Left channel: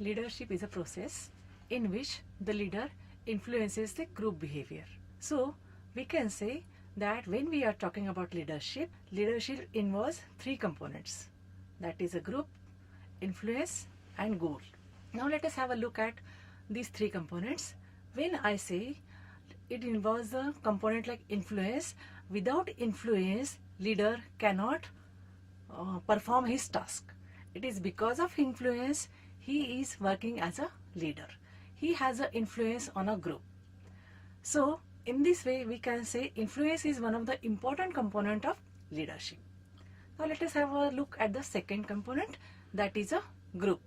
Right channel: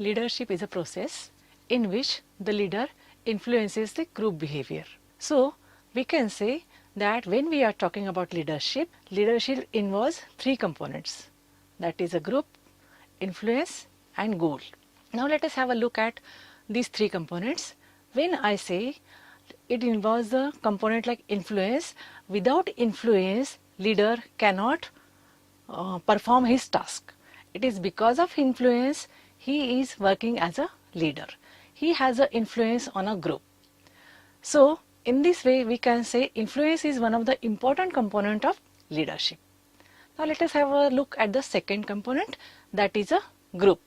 leadership is a process in which the leader influences the group behavior. So we can say that when we are talking about leadership, leadership involves three components, that is a group, influence and goal. Now let us have a look at these three components. When I say it involves the component like influence, without influence leader cannot perform his task. It is because of influence he is working as a leader. He has an influence on a group. So in this way we can say influence is one of the important component of leadership. Now let us have a look at the second component, that is a group.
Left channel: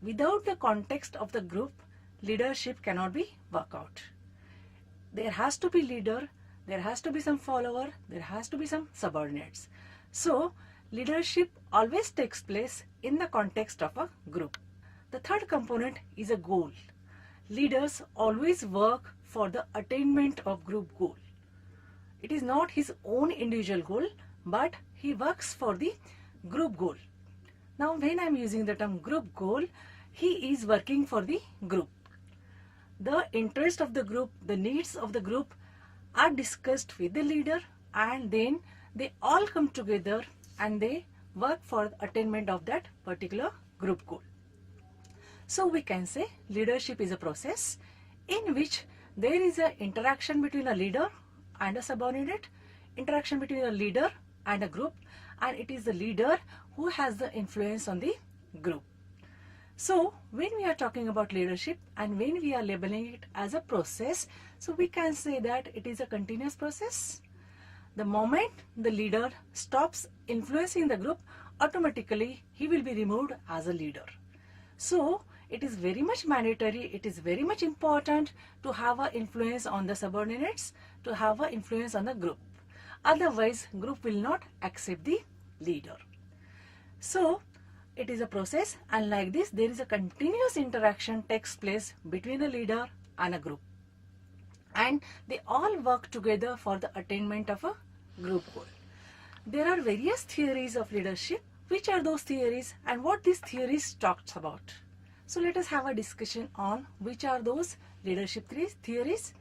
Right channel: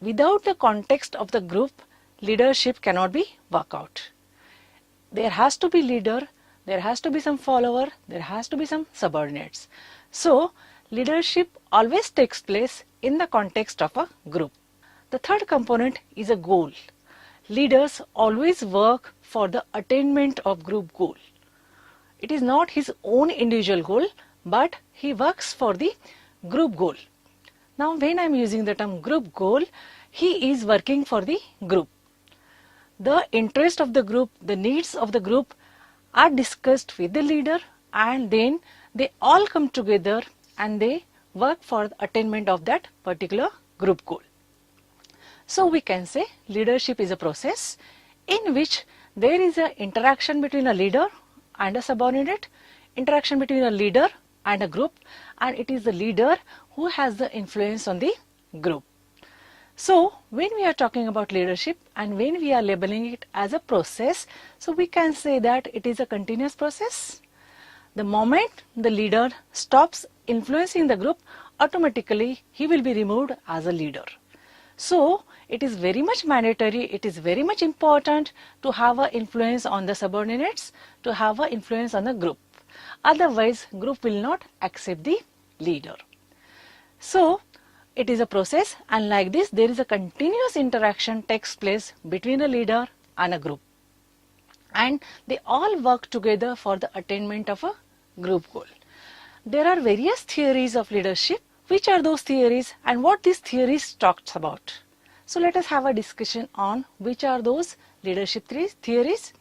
Without the context of the group, leadership cannot be worked out. There has to be leader, there has to be some follower, there has to be some subordinates. So leadership always takes place in the context of a group. The third component is a goal. Leaders always work for the attainment of group goal. It is not his own individual goal, but he works for the group goal. Now when I am using the term group goal, he is working for the group. The interest of the group, the needs of the group are discussed with the leader, and then they all come together and they work for the attainment of that particular group goal. So we can say leadership is a process in which there is an interaction between a leader and a subordinate, interaction between a leader and a group, and it is the leader who has the influence on the group. So when we are talking about leadership and when we are labeling it as a process, so we can say that it is a continuous process. The moment the leader stops influencing the group, automatically he will be removed as a leader. So it is very much mandatory, it is very much important to have an influence on the subordinates, to have an influence on the group. Otherwise, group will not accept the leader. So it is a process, and like this there is a continuous interaction takes place between a leader and a group, and they all work together for the attainment of a group goal. There are various theories of leadership. Which are those theories and what these theories talks about? So let us have a discussion on which are those leadership theories.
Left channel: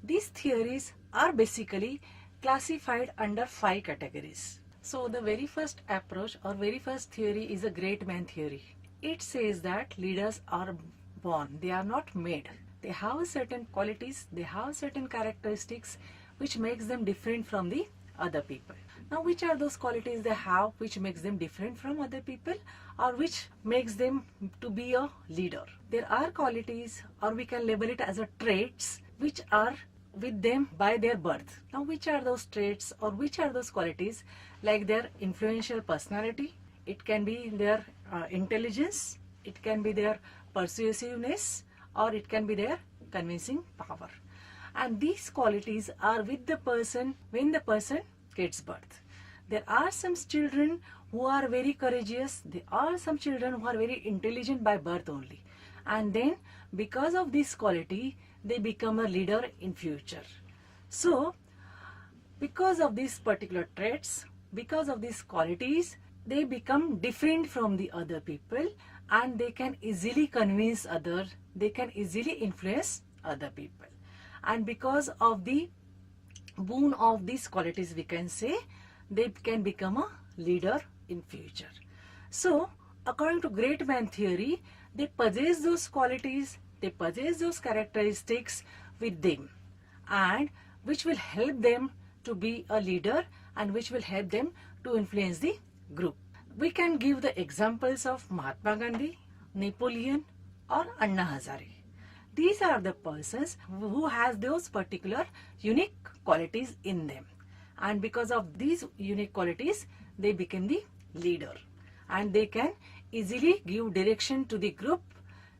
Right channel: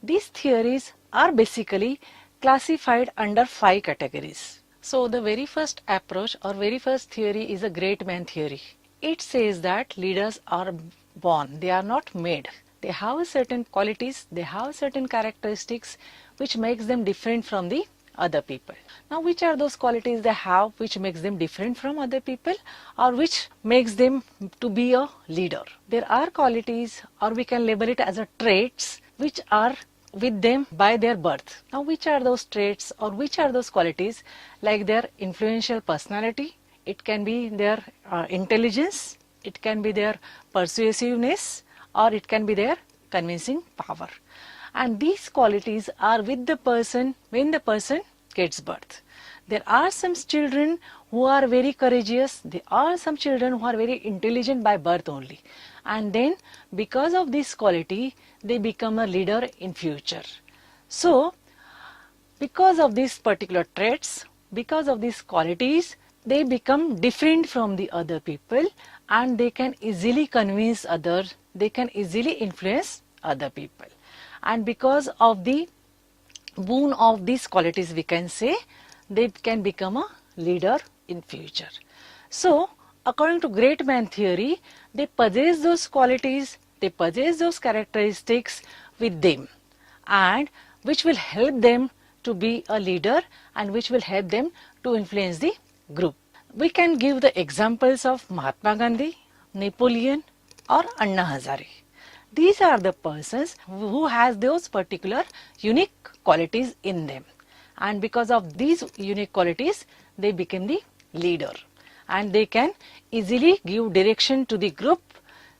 These theories are basically classified under 5 categories. So the very first approach or very first theory is a great man theory. It says that leaders are born, they are not made. They have certain qualities, they have certain characteristics which makes them different from the other people. Now which are those qualities they have which makes them different from other people, or which makes them to be a leader? There are qualities, or we can label it as a traits, which are with them by their birth. Now which are those traits or which are those qualities? Like their influential personality, it can be their intelligence, it can be their persuasiveness, or it can be their convincing power. And these qualities are with the person when the person gets birth. There are some children who are very courageous, there are some children who are very intelligent by birth only, and then because of this quality they become a leader in future. So because of these particular traits, because of these qualities, they become different from the other people, and they can easily convince others, they can easily influence other people. And because of the boon of these qualities, we can say they can become a leader in future. So according to great man theory, they possess those qualities, they possess those characteristics with them, and which will help them to be a leader and which will help them to influence the group. We can give the examples of Mahatma Gandhi, Napoleon, or Anna Hazare. These are the persons who has those particular unique qualities in them, and because of these unique qualities they become the leader, and they can easily give direction to the group.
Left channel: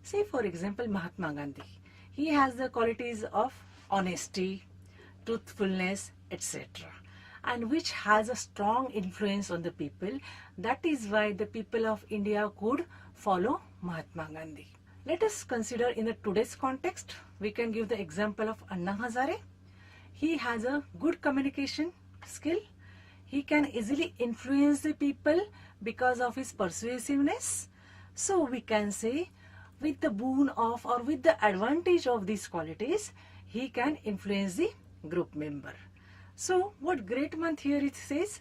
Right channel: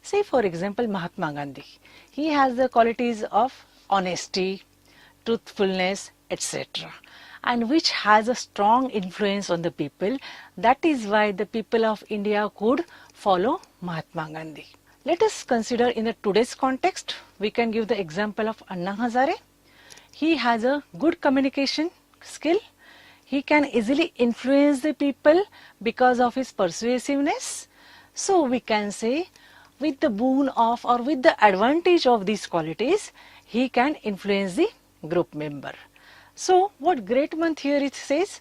Say for example Mahatma Gandhi, he has the qualities of honesty, truthfulness, etc., and which has a strong influence on the people. That is why the people of India could follow Mahatma Gandhi. Let us consider in the today's context, we can give the example of Anna Hazare. He has a good communication skill. He can easily influence the people because of his persuasiveness. So we can say with the boon of or with the advantage of these qualities, he can influence the group member. So what great man theory says,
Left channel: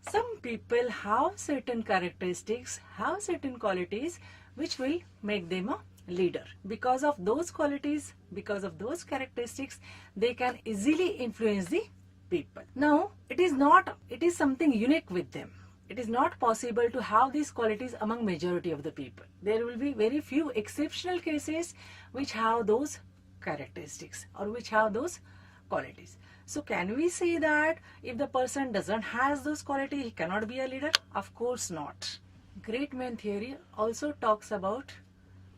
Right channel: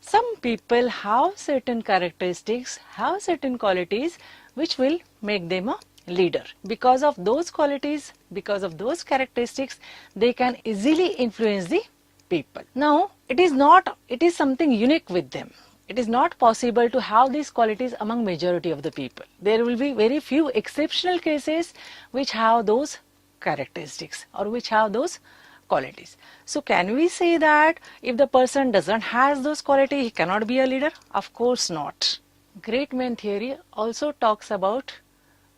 some people have certain characteristics, have certain qualities which will make them a leader. Because of those qualities, because of those characteristics, they can easily influence the people. Now, it is something unique with them. It is not possible to have these qualities among majority of the people. There will be very few exceptional cases which have those characteristics or which have those qualities. So can we say that if the person doesn't have those qualities, he cannot be a leader? Of course not. Great man theory also talks about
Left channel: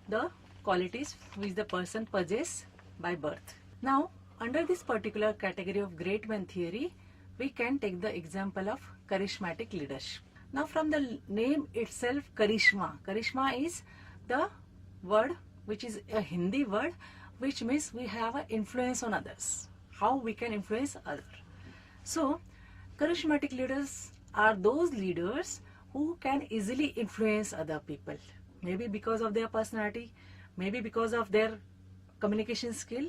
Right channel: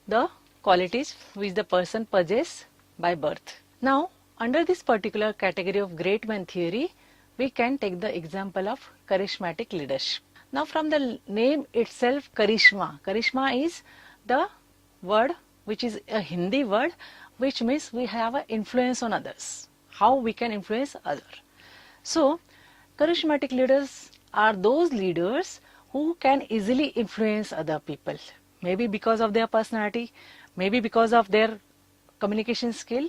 the qualities which the person possesses by birth. Now, under this particular category of great man theory, we can take the example of charismatic leadership. Now, from the name itself, Karishma is the word which is a Hindi word which means we have an influence on others. How we can influence others. So, charismatic leaders are those leaders who can easily influence other people. Maybe because of their personality, maybe because of their communication skill,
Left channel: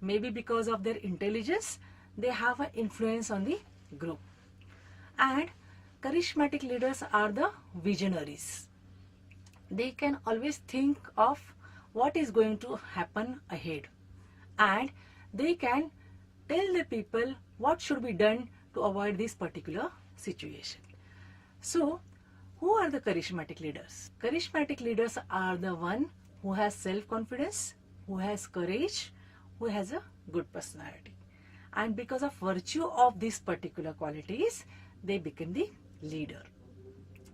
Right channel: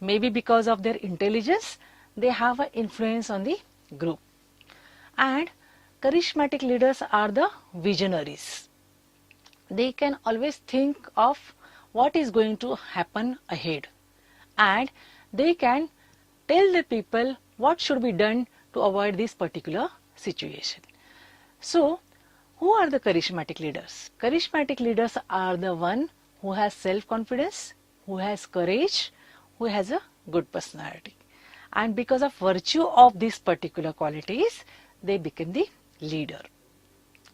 maybe because of their intelligence, they have an influence on the group. And charismatic leaders are the visionaries. They can always think of what is going to happen ahead, and they can tell the people what should be done to avoid this particular situation. So, who are the charismatic leaders? Charismatic leaders are the one who has self-confidence, who has courage, who has a good personality. And because of virtue of these particular qualities, they become the leader.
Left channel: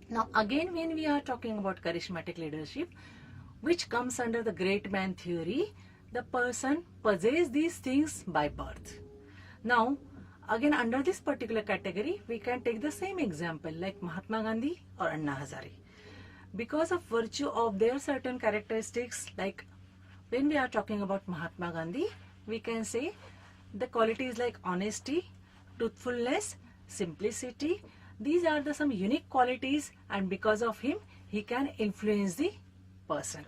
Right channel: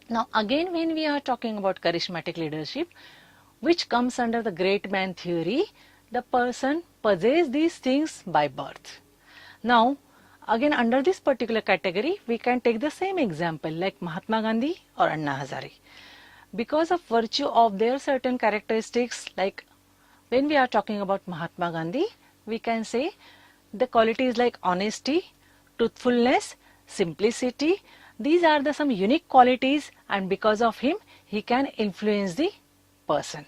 Now again, when we are talking about charismatic leadership, which comes under the great man theory, the person possesses these things by birth. Now again, under this particular category, we can take the same example like Mahatma Gandhi or Anna Hazare. Because of virtue of their certain characteristics, like when we are talking about Mahatma Gandhi, we can say the qualities like honesty, truthfulness, simplicity, these are the some unique qualities, and because of him, he can influence the person.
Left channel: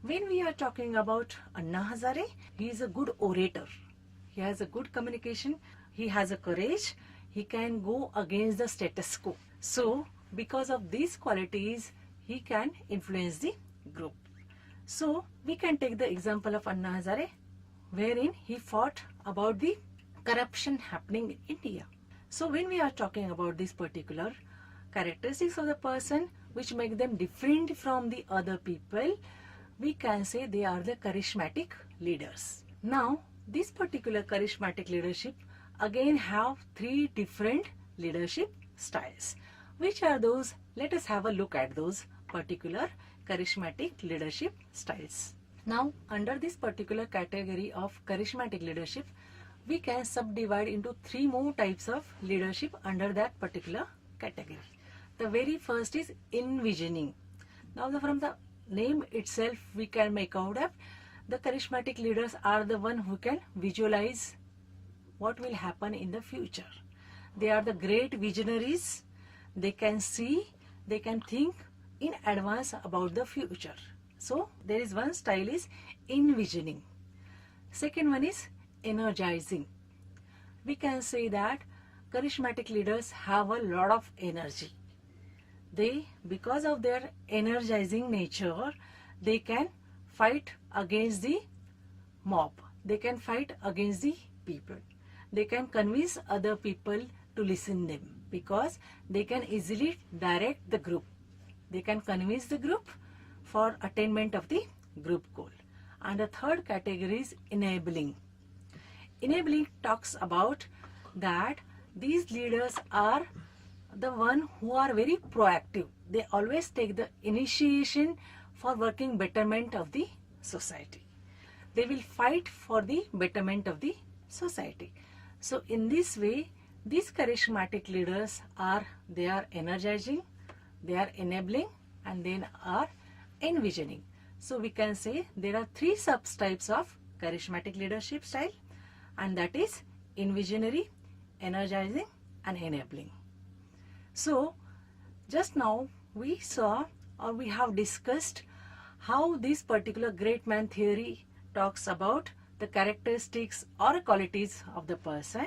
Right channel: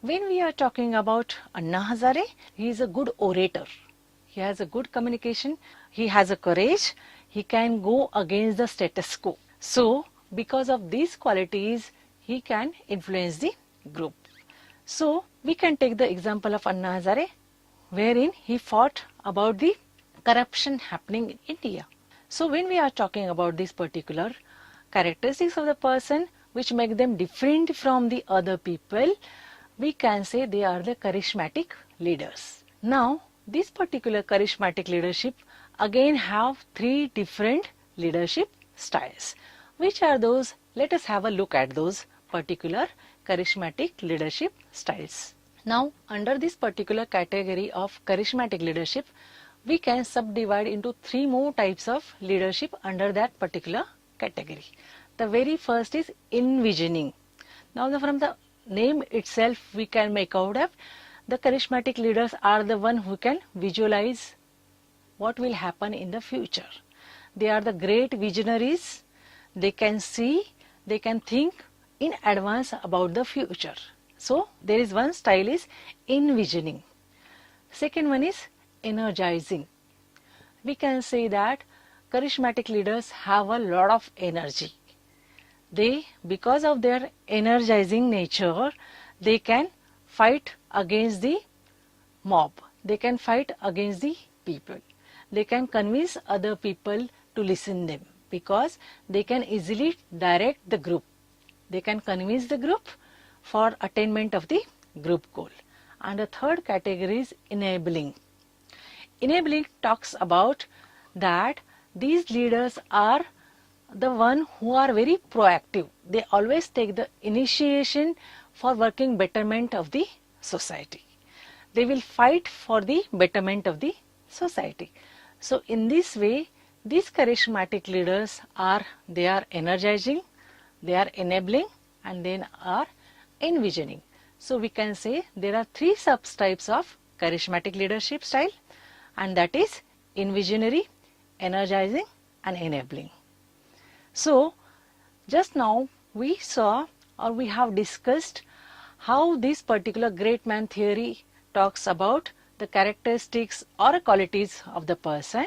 When we are talking about Anna Hazare, he is a good orator. He has a good communication. He has a courage. He can go against the status quo. So, because of these qualities, he can influence the group. So, we can take the example of Anna Hazare, wherein he fought about the corruption happening in India. So, when we are talking about these particular characteristics of the person which make them different from the other people, we can say they are the charismatic leaders. Now, this particular charismatic leadership again have three different leadership styles. Which are those? Let us have a look at those particular charismatic leadership styles. Now, under this particular category of charismatic leadership, we can subdivide into three more types of leadership under that particular category. The very first is envisioning. Now, from the name itself, we can make out that the charismatic leaders are the one who can visualize what will happen in the future. They are the great visionaries. They can see, they can think in advance about the future. So, there is one style is envisioning. Second one is energizing. We can say that charismatic leaders have a lot of energy. They, because of their energizing nature, they can fight against the mob. They can fight against the people. They can convince other people to listen them because they can easily direct the group. They can convince the group for attainment of the group goal. And the third category is enabling. Enabling talks about that these leaders are the one who are very proactive. They always take the initiation for working betterment of the society. They will fight for the betterment of the society. So in this way, these charismatic leaders are energizing, they are enabling, and then are envisioning. So we can say there are three subtypes of charismatic leadership style, and that is envisionary, energizing, and enabling. So just now we saw, or we have discussed, how this particular great man theory talks about the characteristics or qualities of the person,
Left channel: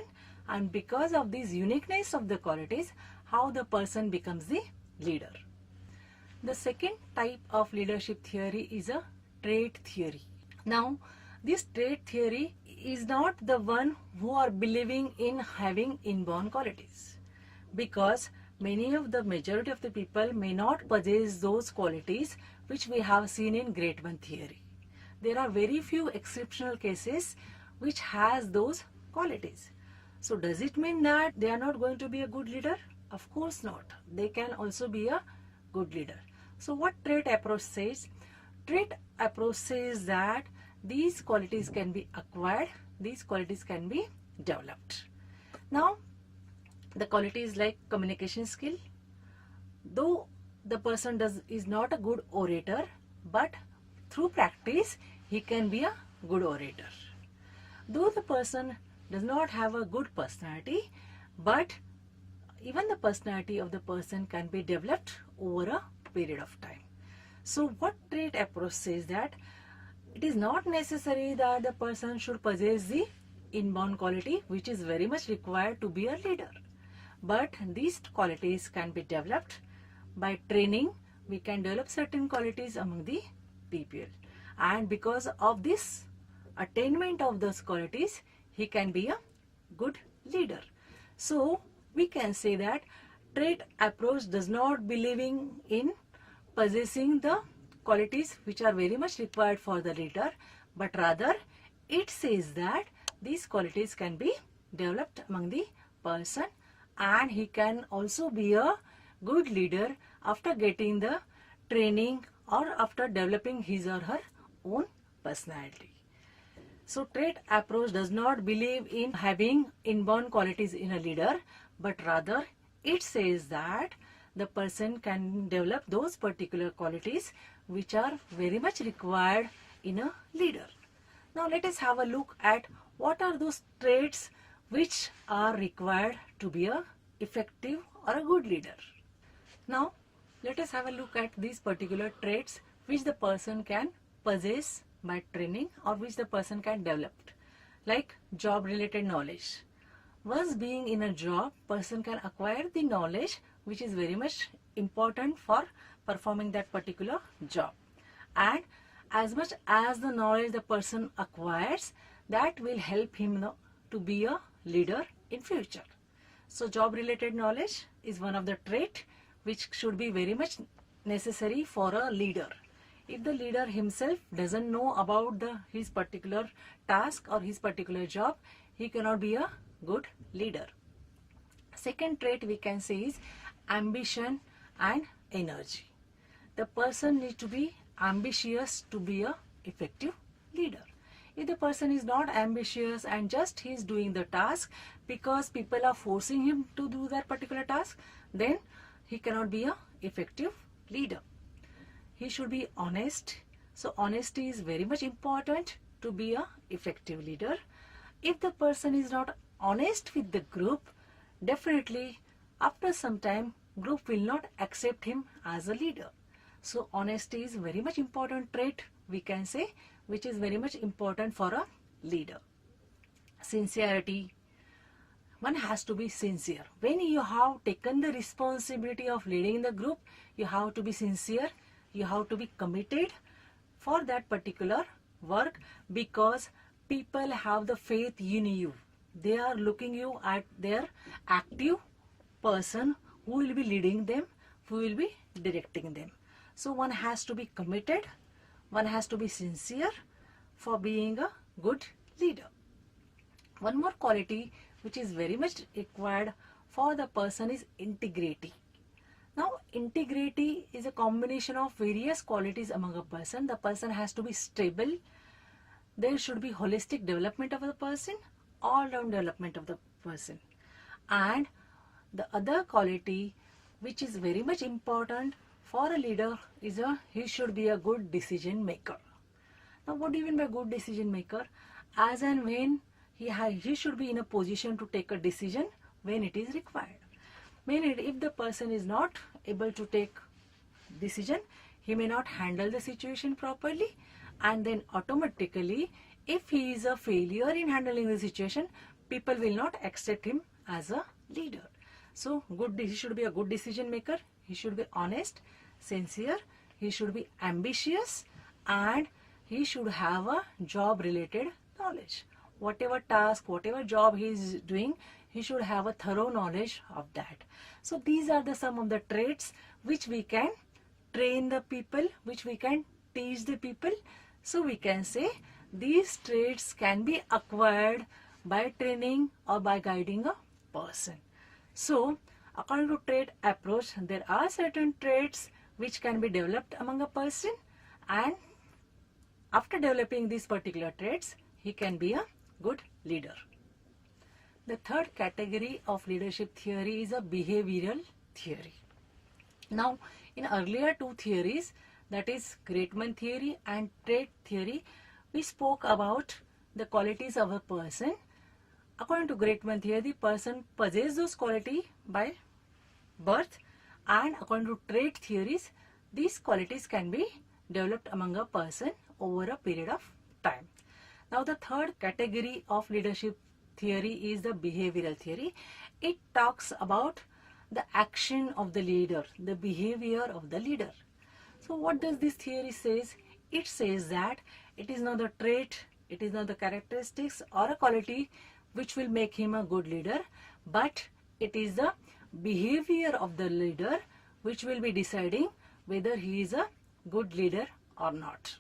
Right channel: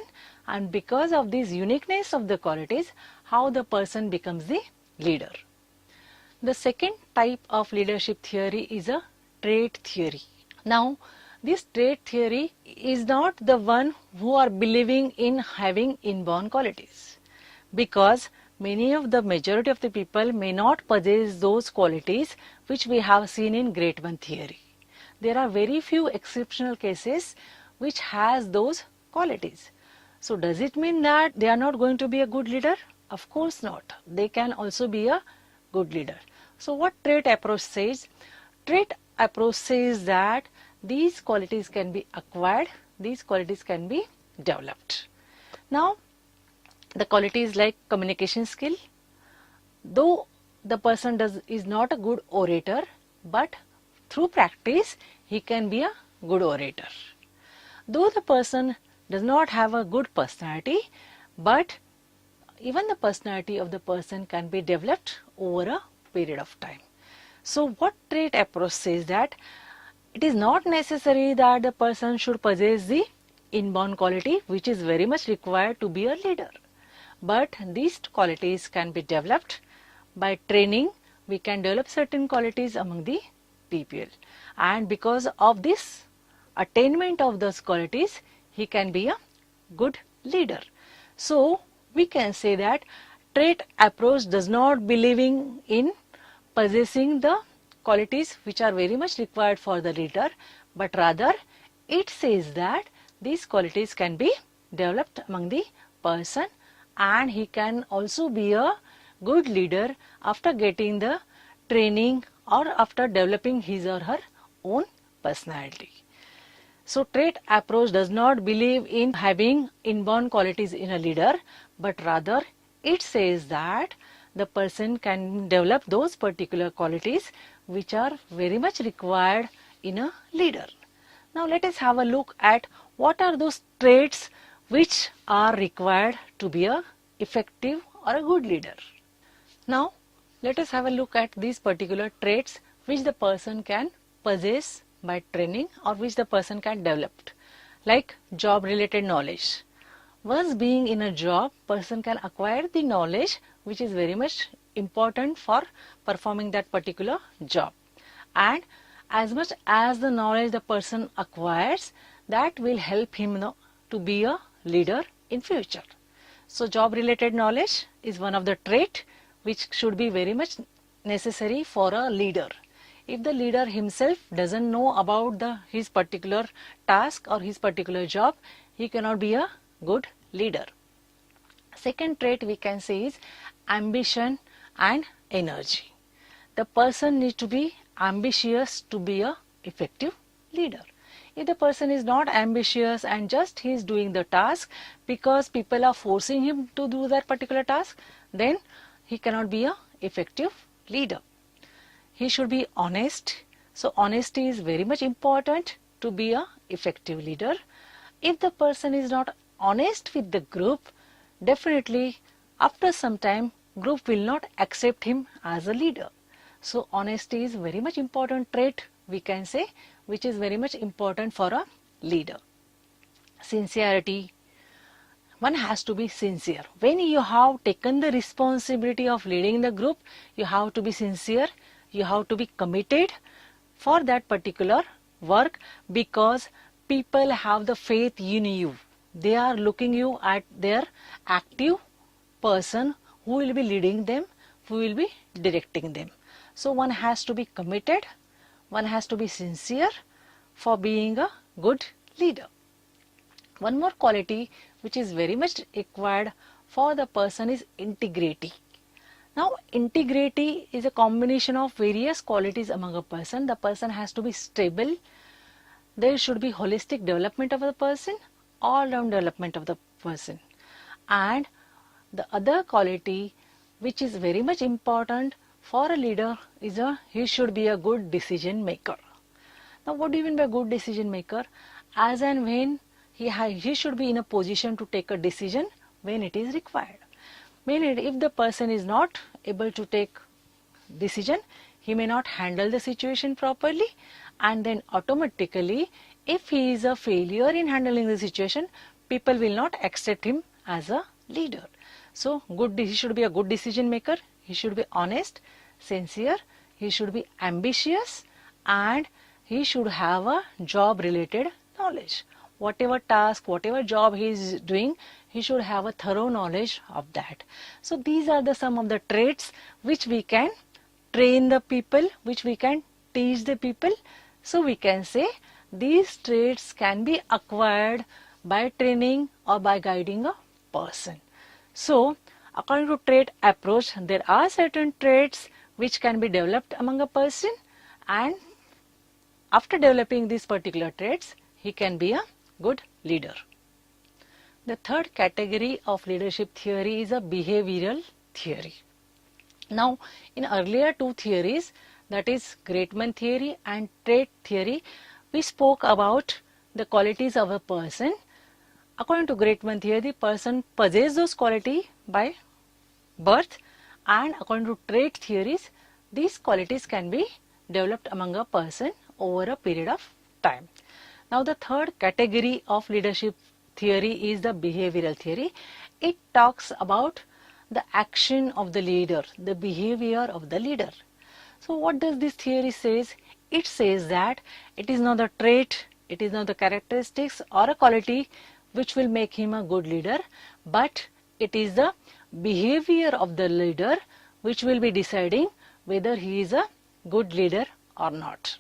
and because of this uniqueness of the qualities, how the person becomes the leader. The second type of leadership theory is a trait theory. Now, this trait theory is not the one who are believing in having inborn qualities, because many of the majority of the people may not possess those qualities which we have seen in Great One theory. There are very few exceptional cases which has those qualities. So does it mean that they are not going to be a good leader? Of course not. They can also be a good leader. So what trait approach says? Trait approach says that these qualities can be acquired, these qualities can be developed. Now, the qualities like communication skill, though the person is not a good orator, but through practice he can be a good orator. Though the person does not have a good personality, but even the personality of the person can be developed over a period of time. So what trait approach says that it is not necessary that the person should possess the inborn quality which is very much required to be a leader, but these qualities can be developed by training. We can develop certain qualities among the people, and because of this attainment of those qualities, he can be a good leader. So we can say that trait approach does not believing in possessing the qualities which are very much required for the leader, but rather it says that these qualities can be developed among the person, and he can also be a good leader after getting the training or after developing his or her own personality. So trait approach does not believe in having inborn qualities in a leader, but rather it says that the person can develop those particular qualities which are very much required in a leader. Now let us have a look at what are those traits which are required to be a effective or a good leader. Now let us have a look at these particular traits which the person can possess by training or which the person can develop, like job related knowledge. Once being in a job, person can acquire the knowledge which is very much important for performing that particular job, and as much as the knowledge the person acquires, that will help him to be a leader in future. So job related knowledge is one of the trait which should be very much necessary for a leader. If the leader himself doesn't know about his particular task or his particular job, he cannot be a good leader. Second trait we can say is ambition and energy. The person needs to be ambitious to be a effective leader. If the person is not ambitious and just he is doing the task because people are forcing him to do that particular task, then he cannot be a effective leader. He should be honest. So honesty is very much important to be a effective leader. If the person is not honest with the group, definitely after some time group will not accept him as a leader. So honesty is very much important trait we can say, which is very much important for a leader. Sincerity. One has to be sincere. When you have taken the responsibility of leading the group, you have to be sincere, you have to be committed for that particular work, because people have the faith in you. They are looking you at their active person who will be leading them, who will be directing them. So one has to be committed, one has to be sincere for being a good leader. One more quality which is very much required for the person is integrity. Now integrity is a combination of various qualities among a person. The person has to be stable, there should be holistic development of the person, all round development of the person, and the other quality which is very much important for a leader is he should be a good decision maker. Now what do you mean by good decision maker? As and when he should be in a position to take a decision when it is required. Meaning if the person is not able to take decision, he may not handle the situation properly, and then automatically if he is a failure in handling the situation, people will not accept him as a leader. So he should be a good decision maker, he should be honest, sincere, he should be ambitious, and he should have a job related knowledge. Whatever task, whatever job he is doing, he should have a thorough knowledge of that. So these are some of the traits which we can train the people, which we can teach the people. So we can say these traits can be acquired by training or by guiding a person. So according to trait approach, there are certain traits which can be developed among a person, and after developing these particular traits, he can be a good leader. The third category of leadership theory is a behavioral theory. Now, in earlier two theories, that is Greatman theory and trait theory, we spoke about the qualities of a person. According to Greatman theory, the person possesses those qualities by birth, and according to trait theories, these qualities can be developed among a person over a period of time. Now, the third category of leadership theory is the behavioral theory. It talks about the action of the leader, the behavior of the leader. So what does this theory says? It says that it is not the trait, it is not the characteristics or a quality which will make him a good leader, but it is the behavior of the leader which will be deciding whether he is a good leader or not.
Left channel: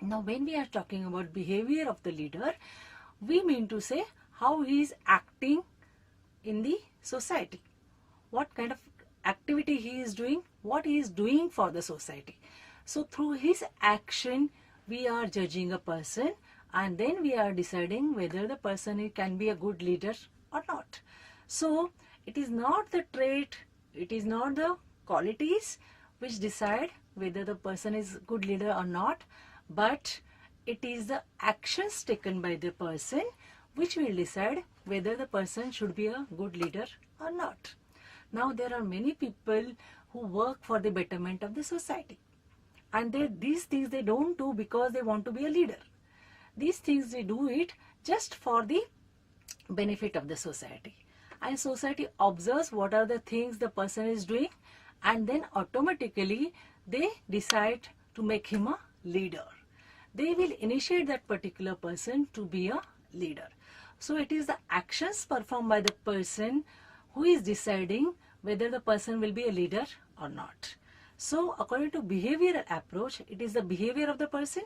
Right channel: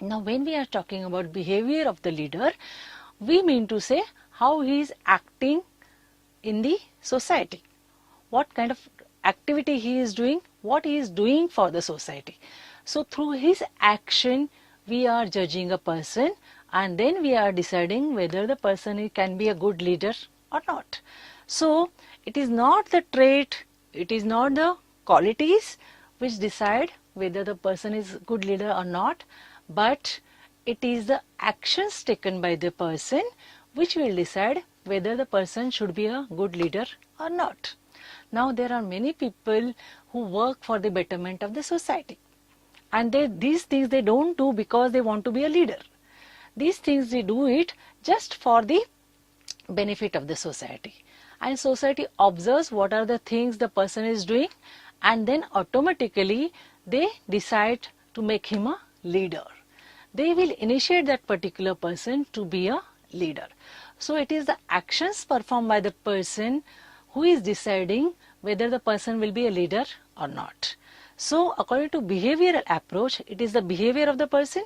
Now, when we are talking about behavior of the leader, we mean to say how he is acting in the society, what kind of activity he is doing, what he is doing for the society. So through his action, we are judging a person, and then we are deciding whether the person can be a good leader or not. So it is not the trait, it is not the qualities which decide whether the person is a good leader or not, but it is the actions taken by the person which will decide whether the person should be a good leader or not. Now, there are many people who work for the betterment of the society, and these things they don't do because they want to be a leader. These things they do it just for the benefit of the society, and society observes what are the things the person is doing, and then automatically they decide to make him a leader. They will initiate that particular person to be a leader. So it is the actions performed by the person who is deciding whether the person will be a leader or not. So according to behavioral approach, it is the behavior of the person,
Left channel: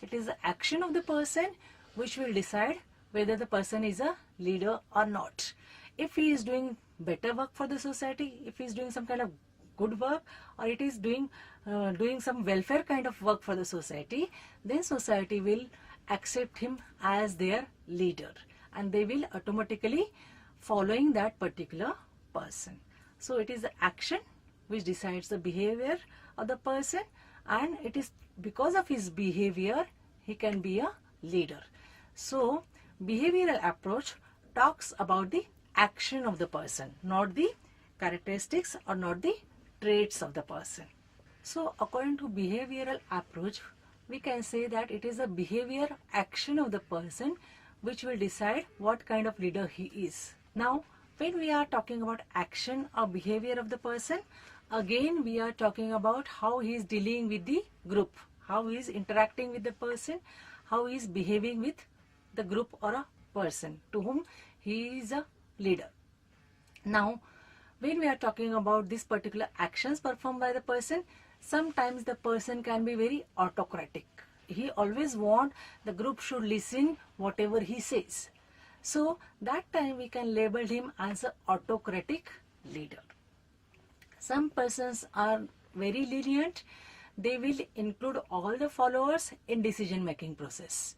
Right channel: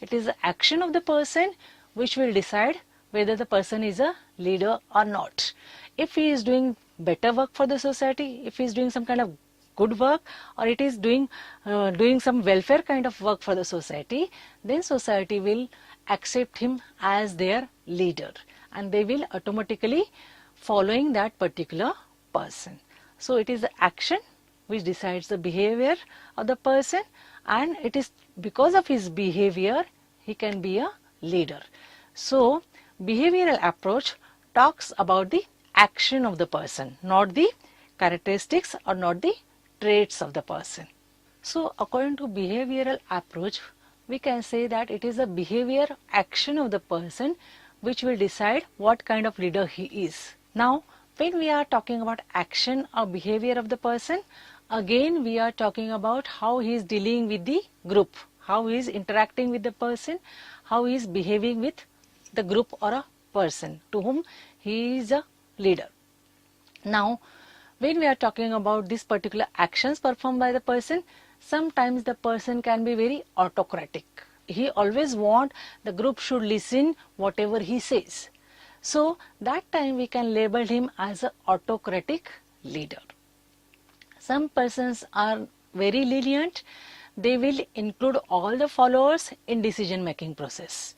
it is the action of the person which will decide whether the person is a leader or not. If he is doing better work for the society, if he is doing some kind of good work, or it is doing some welfare kind of work for the society, then society will accept him as their leader, and they will automatically following that particular person. So it is the action which decides the behavior of the person, and it is because of his behavior he can be a leader. So behavioral approach talks about the action of the person, not the characteristics or not the traits of the person. So according to behavioral approach, we can say that it is a behavior action of the person which will decide what kind of leader he is. Now, when we are talking about action or behavior of the person, again we are talking about how he is dealing with the group, how he is interacting with the person, how he is behaving with the group or a person to whom he is a leader. Now, when we are talking about these particular actions performed by the person, sometimes the person can be very autocratic. He always wants the group should listen whatever he says. So that time we can label him as an autocratic leader. Some persons are very lenient. They will include all the followers in decision making process.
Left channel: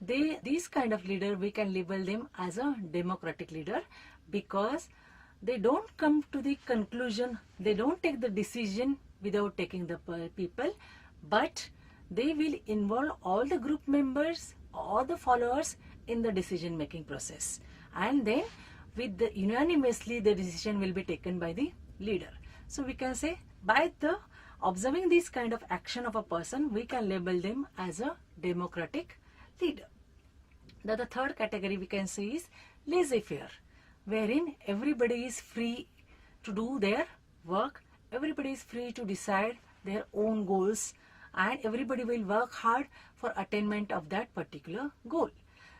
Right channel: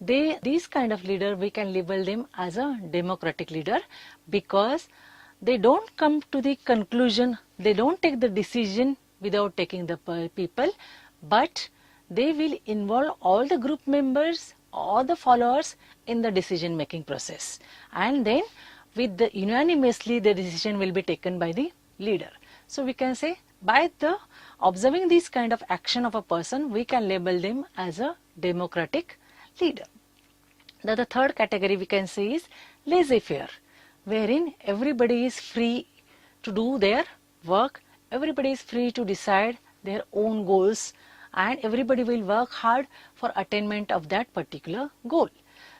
These kind of leader we can label them as a democratic leader, because they don't come to the conclusion, they don't take the decision without taking the people, but they will involve all the group members, all the followers in the decision making process, and then with the unanimously the decision will be taken by the leader. So we can say by the observing this kind of action of a person, we can label them as a democratic leader. The third category we can say is laissez-faire, wherein everybody is free to do their work, everybody is free to decide their own goals, and everybody will work hard for attainment of that particular goal.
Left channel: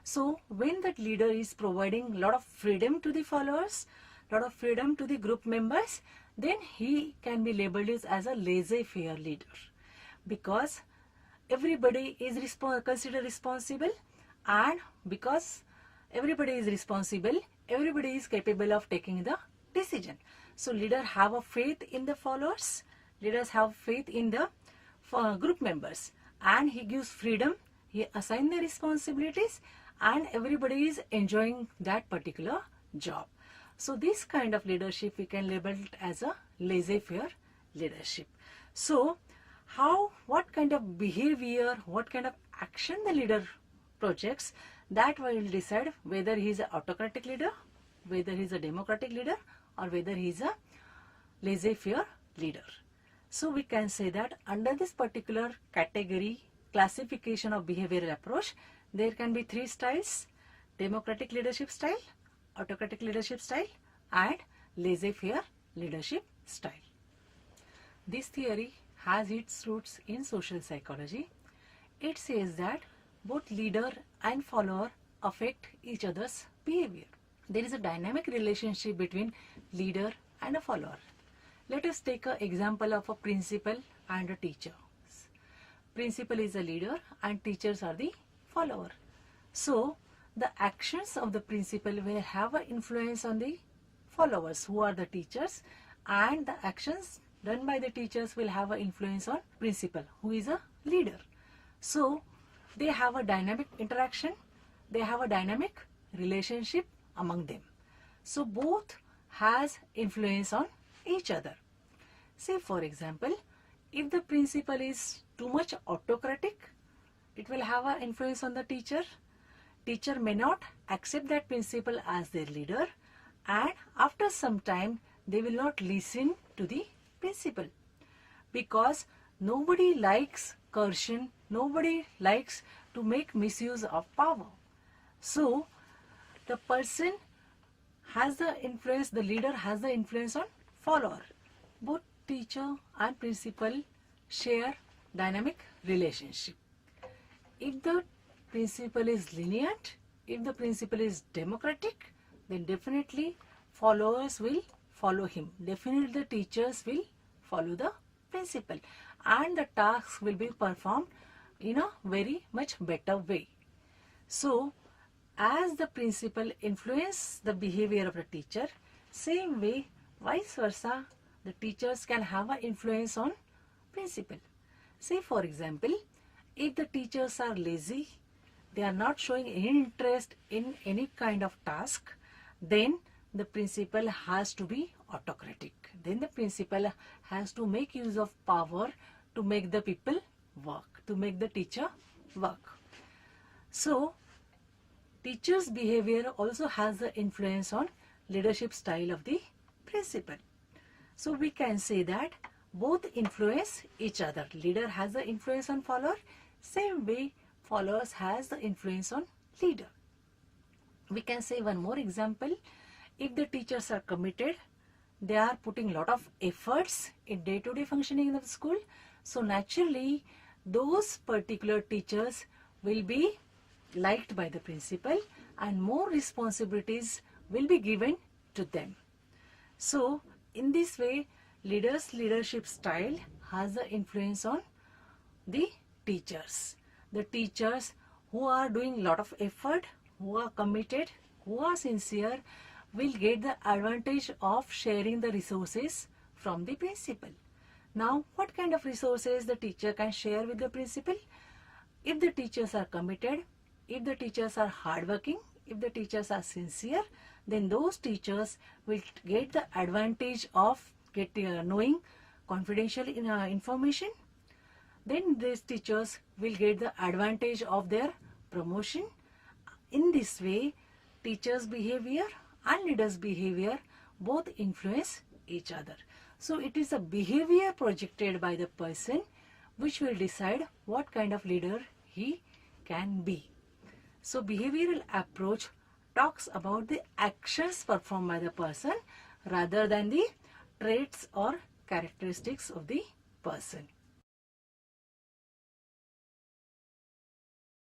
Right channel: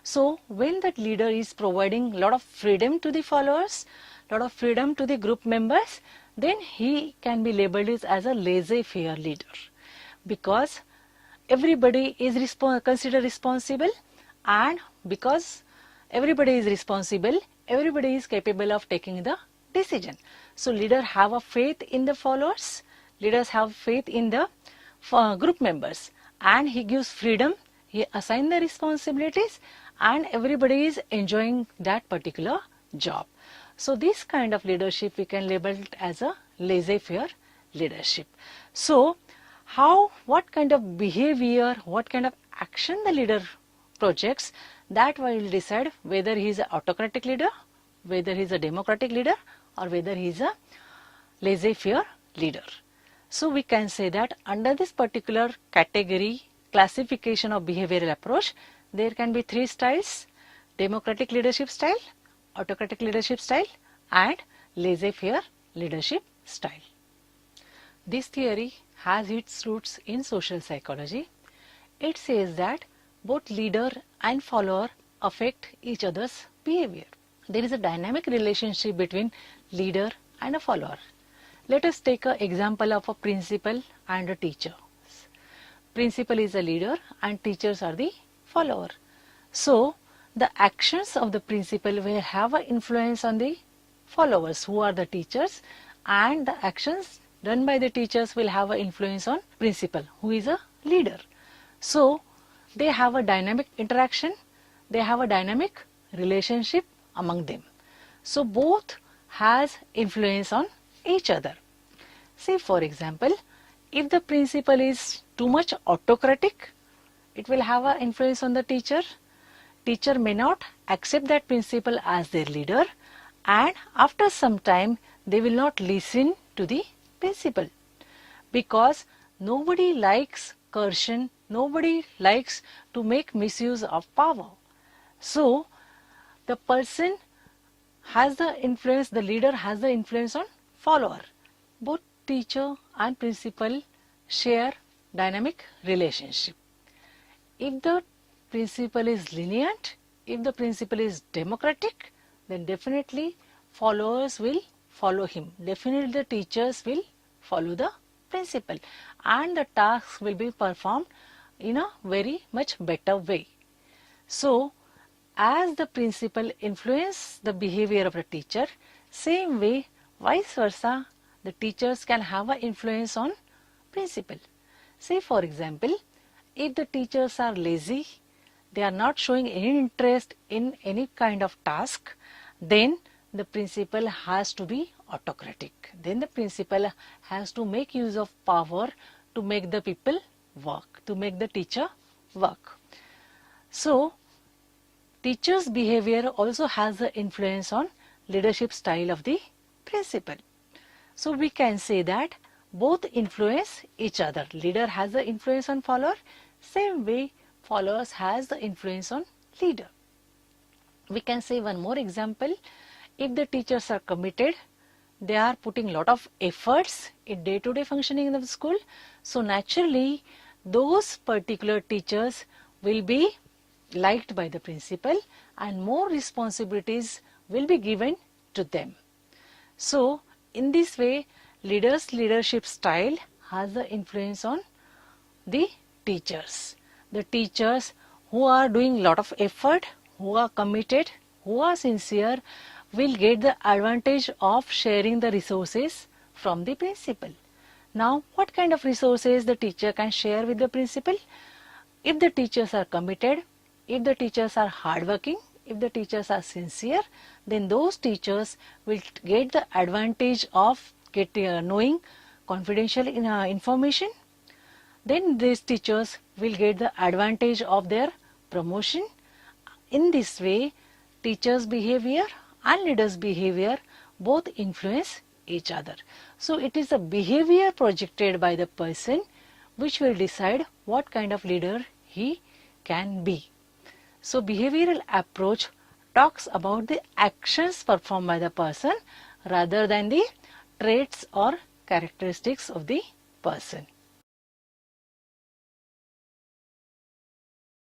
So when that leader is providing a lot of freedom to the followers, lot of freedom to the group members, then he can be labeled as a laissez-faire leader, because everybody is considered responsible, and because everybody is responsible, everybody is capable of taking the decision. So leaders have a faith in the followers, leaders have faith in the group members, and he gives freedom, he assigns the responsibilities, and everybody is enjoying that particular job. So this kind of leadership we can label it as a laissez-faire leadership. So what kind of behavior, what kind of action the leader projects, that will decide whether he is an autocratic leader, whether he is a democratic leader, or whether he is a laissez-faire leader. So we can say that under this particular category classification of behavioral approach, there can be three styles: democratic leadership style, autocratic leadership style, and laissez-faire leadership style. This theory has its roots in social psychology. It says that both leader and follower affect each other's behavior. There is a dynamic relationship between leader and a follower. Let us take an example of a principal and a teacher. Principal is a leader and teachers are the follower. So the actions of the principal will have an influence on the followers who are the teachers, and the actions done by the teachers will have an influence on principal who is a leader. So they have a dynamic interaction, they have a dynamic relationship among them. So both has influence on each other. Say for example, if the principal is too much autocratic, it will have an influence on the teacher. Teacher may not accept that principal as their leader, and after some time they will not listen to the principal, because nobody likes coercion, nobody likes to make misuse of power. So the person has the influence, the leader has the influence on follower. Both teacher and principal share dynamic relationship. If the principal is lenient, if the principal is democratic, then definitely followers will follow him. Definitely the teachers will follow the principal, and the tasks will be performed in a very much better way. So as the principal influence the behavior of the teacher, same way vice versa, the teachers can have an influence on principal. Say for example, if the teachers are lazy, they are not showing any interest in any kind of task, then the principal has to be autocratic. Then the principal has to make use of power to make the people work, to make the teacher work. So teacher's behavior also has the influence on leadership style of the principal. So we can say that both influence each other. Leader has the influence on follower, same way followers has the influence on leader. We can say one more example. If the teachers are committed, they are putting lot of efforts in day-to-day functioning of the school, so naturally those particular teachers will be liked by the principal and more responsibilities will be given to them. So in this way, leader's leadership style has the influence on the teachers. The teachers who are doing lot of effort, who are committed, who are sincere, will get the advantage of sharing the resources from the principal. Now, what kind of resources the teacher can share with the principal? If the teachers are committed, if the teachers are hardworking, if the teachers are sincere, then those teachers will get the advantage of knowing confidential information. Then these teachers will get the advantage of their promotion. In this way, teachers' behavior and leaders' behavior both influence each other. So it is the behavior projected by the person which will decide what kind of leader he can be. So behavioral approach talks about the actions performed by the person rather than the traits or characteristics of the person.